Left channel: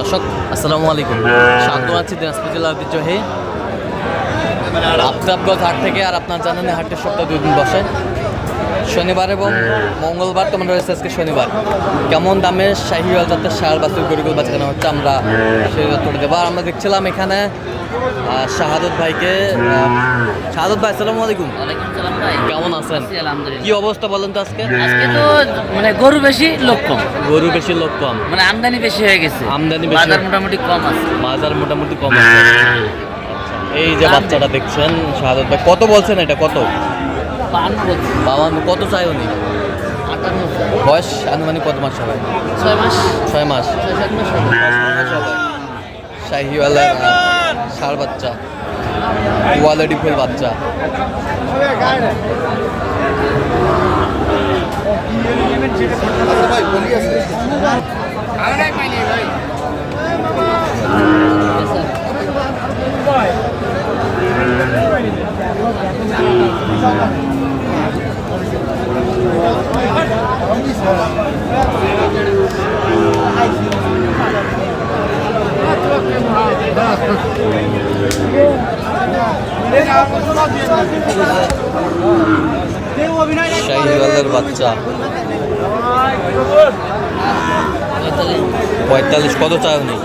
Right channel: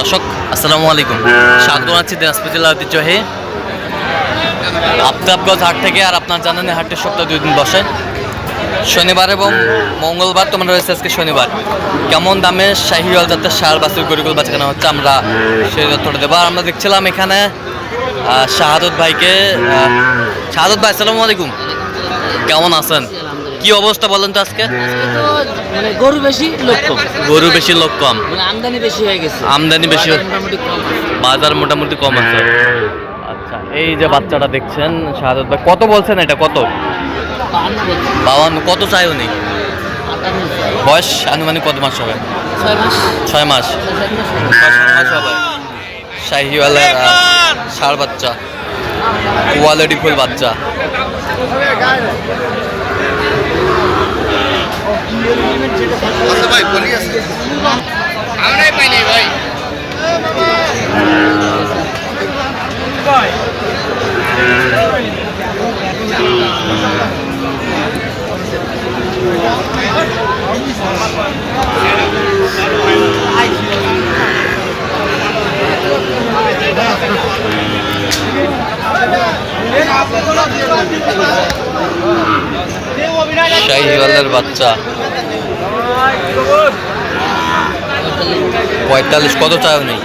দর্শক, আসসালামু আলাইকুম। স্বাগত আছি দিনাজপুর জেলা ঐতিহ্যহে আফতাবগঞ্জ হাট থেকে আর আপনার জানেন হাটের সপ্তাহে দুই দিন বসে। শনিবার এবং মঙ্গলবার তোমার রয়েছে আজকে শনিবার। কেমন দামে শাহিওয়াল জাতের সার বাছুর, গরিগুল বাচ্চা হচ্ছে আমরা সেই তথ্যটা দেবো। আর আমরা দেখছিলাম এখানে শাহাদত ভাইকে শাহাদত ভাই, আসসালামু আলাইকুম। কেমন আছেন? কি অবস্থা বলেন তো আজকে? মানে গরু বেশি লোক কম। গরু বেশি লোক কম। মানে আমদানি বেশি হয়ে গেছে। আমদানি বেশি মোটামুটি কম আছে। বাজার মোটামুটি কম আছে। আচ্ছা এই যে বাচ্চাটা দেখছেন শাহাদত ভাই কত বলছেন এটা? কত? বাবান্ন কত চাই উনি? বয়স আনুমানিক কত মাস হবে? ছয় মাস। ছয় মাস হবে। শাহিওয়ালের ষাঁড় বাচ্চা। কোয়ালিটি ফুল বাচ্চা। আচ্ছা ভাই বলি আছে। শাহিওয়ালের বাচ্চা। পঁয়তাল্লিশ কত চাই উনি?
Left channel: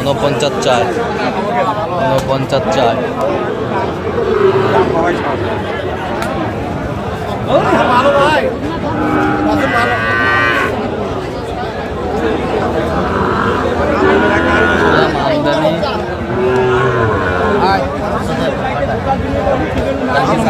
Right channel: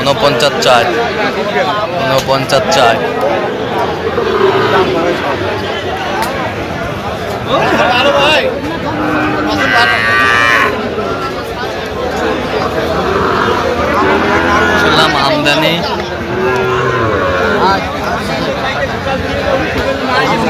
উনপঞ্চাশ চায়। উনপঞ্চাশ চায়। আমদানি।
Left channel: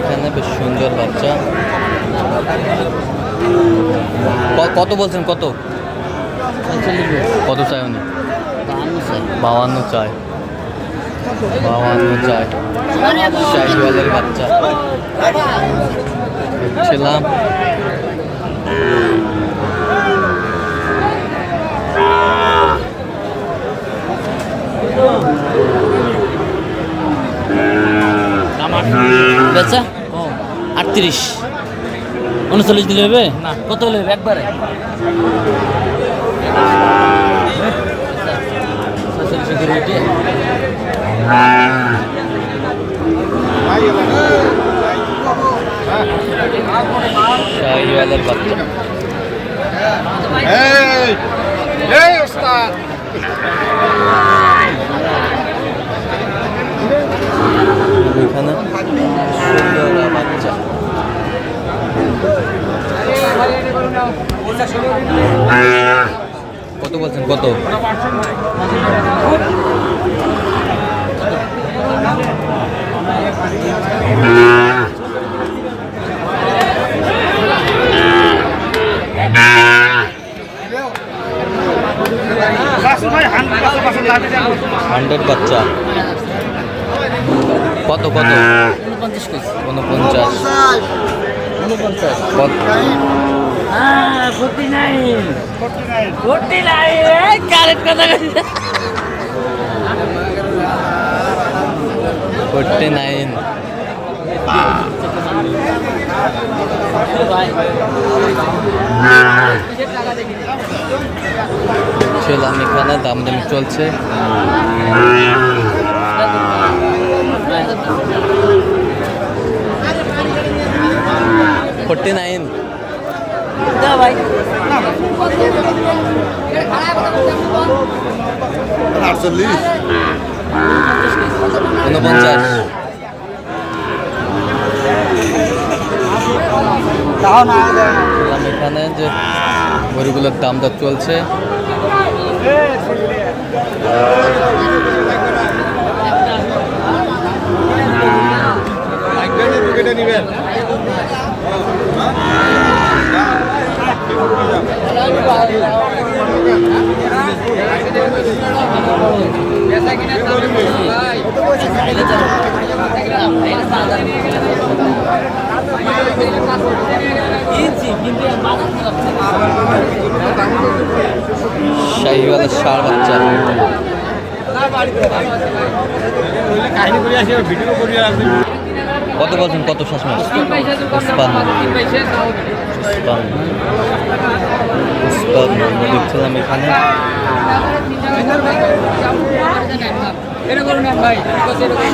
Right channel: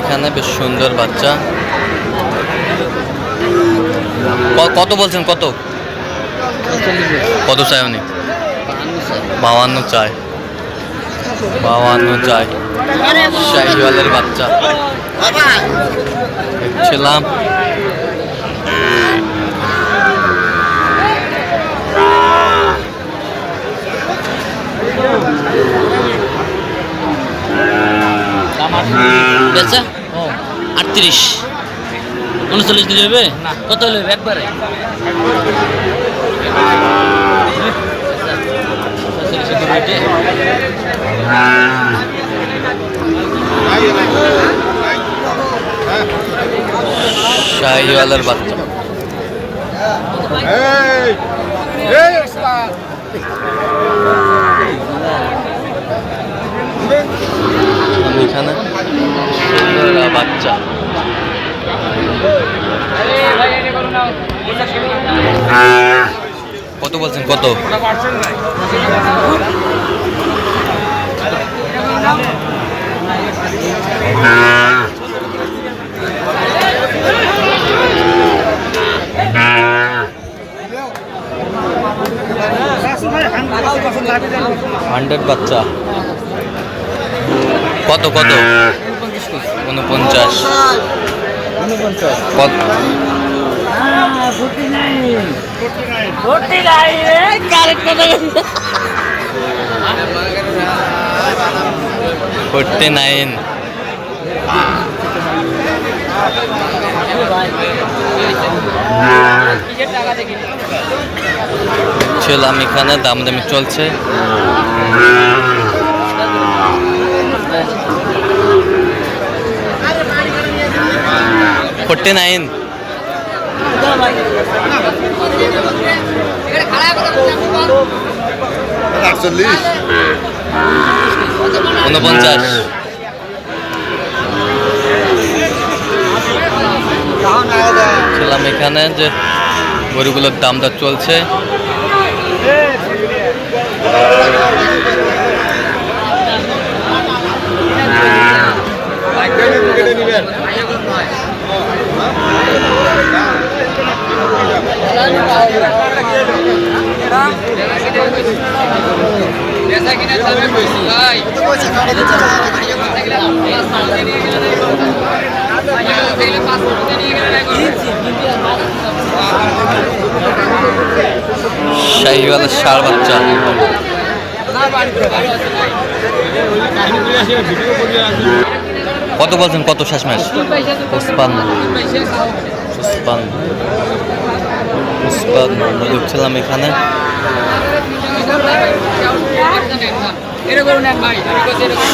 এখানে বেশ সুন্দর বাচ্চা। কত বলছেন? কত? কত চাই উনি? বাওয়ান্ন চাই। বাওয়ান্ন চাই। শাহিওয়ালের বাচ্চা। দেখছিলাম। বেচা ও আটত্রিশ। উনচল্লিশ দিলে হবে? কত হলে হবে? একবারে? শাহিওয়ালের বাচ্চা। এই এই আমি এখানে বলছেন? কত? হান্ড্রেড বাচ্চা। কত কত? উনপঞ্চাশ উনপঞ্চাশ। উনপঞ্চাশ। কত? ফোর্টি নাইন ছিলাম এখানে দাম দামি চলছে। ফোরটি নাইন আটচল্লিশ। উনপঞ্চাশ। ছিলাম এখানে যে গরুগুলোর দাম দর চলছে। শাহিওয়ালা সার বাচ্চা। কত বলছেন? কত শেষ মাস পুষ্পান্ন পুষ্পান্ন পুষ্পান্ন আমরা দেখছিলাম এখানে।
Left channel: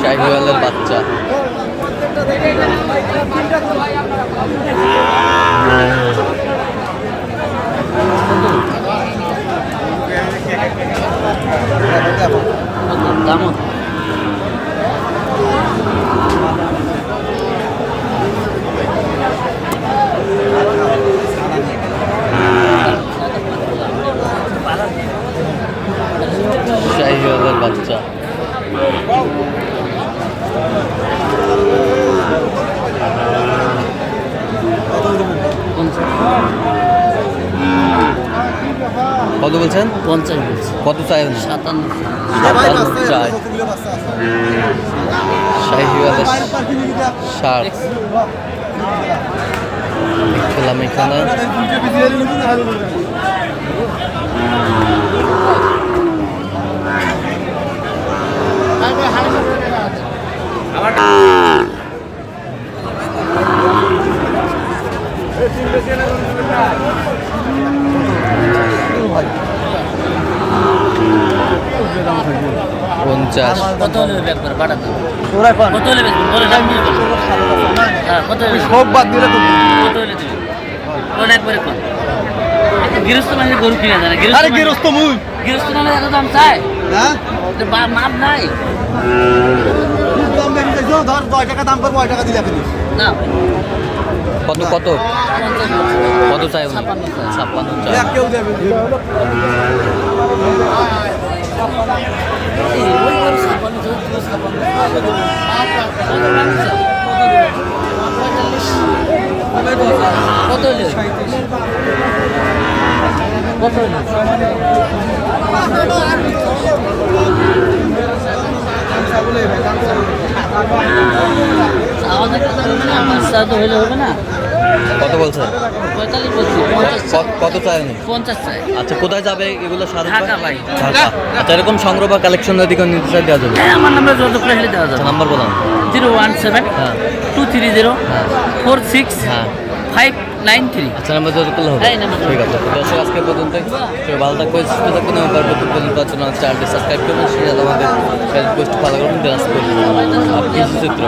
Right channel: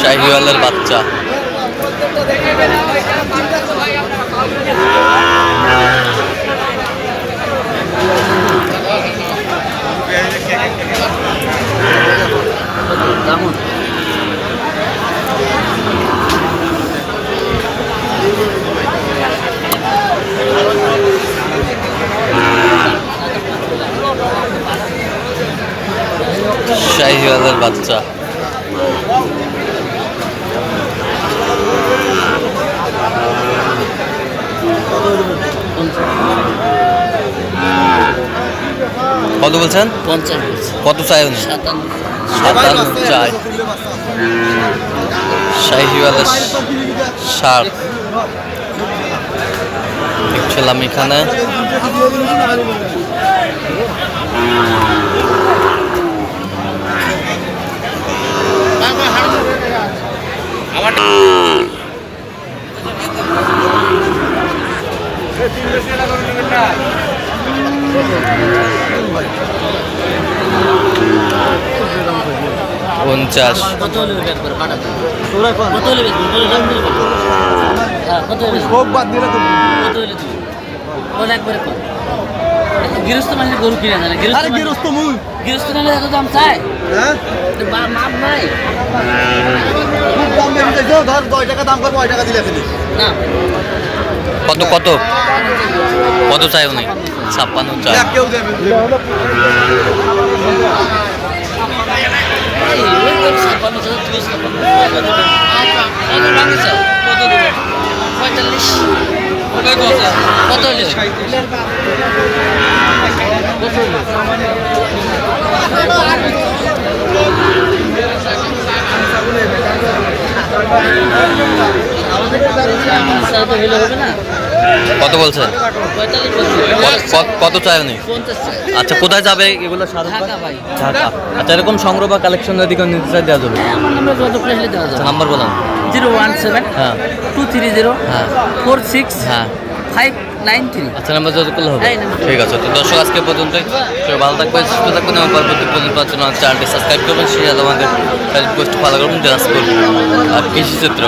শাহিওয়ালের বাচ্চা। শাহিওয়ালের বাচ্চা। কত বলছেন? কত চাই উনি? সাতান্ন চাই। শাহিওয়ালের ষাট দেখছিলাম এখানে পঞ্চাশ কত হলে বের করে পাঠাবো কত হলে বের করে দাম বলে দেবো। হ্যাঁ কত হলে সব বাদ দিলে তো কত হলে দিবি কোন একবারে কোন গৃহস্থ মানে গরু কিনে জানে গৃহস্থ মুই। গৃহস্থ নাহলে এত দাম চায়? হ্যাঁ? মাপ নাই খুব দাম বেশি চাইছো ধর দশ টাকা দাম করব ওই টাকা দিলে ফেলি। না। কত কত? কত চাই উনি? ছাপ্পান্ন চাই। কেউ দেবে? পঁয়তাল্লিশ। হলে? কত হলে? কত বলছে কত- চায় নি উনি? আচ্ছা কোথায় যাবে এগুলো ঢাকা ভাই। ঢাকা। আচ্ছা এরকম সংগ্রহ বা কালেকশন যদি কেউ নিতে চাই দেওয়া যাবে। হ্যাঁ আমার নাম্বার যোগাযোগ করে দেওয়া আচ্ছা যাবে নাম্বার বলেন। জিরো ওয়ান সেভেন হ্যাঁ। টু থ্রি জিরো হ্যাঁ। ফোর সিক্স হ্যাঁ। ফাইভ নাইন থ্রি আচ্ছা নাম্বার যোগাযোগ করলে হবে। ঠিক আছে তো দর্শক আজকে পর্যন্তই। ভালো থাকবেন সুস্থ থাকবেন এবং পরবর্তী পর্যন্ত পাওয়ার জন্য চ্যানেলটি সাবস্ক্রাইব করবেন সেই আমাদের ফেসবুক পোস্ট ফলো করবেন দিনাজপুর আর কৃষি চিত্র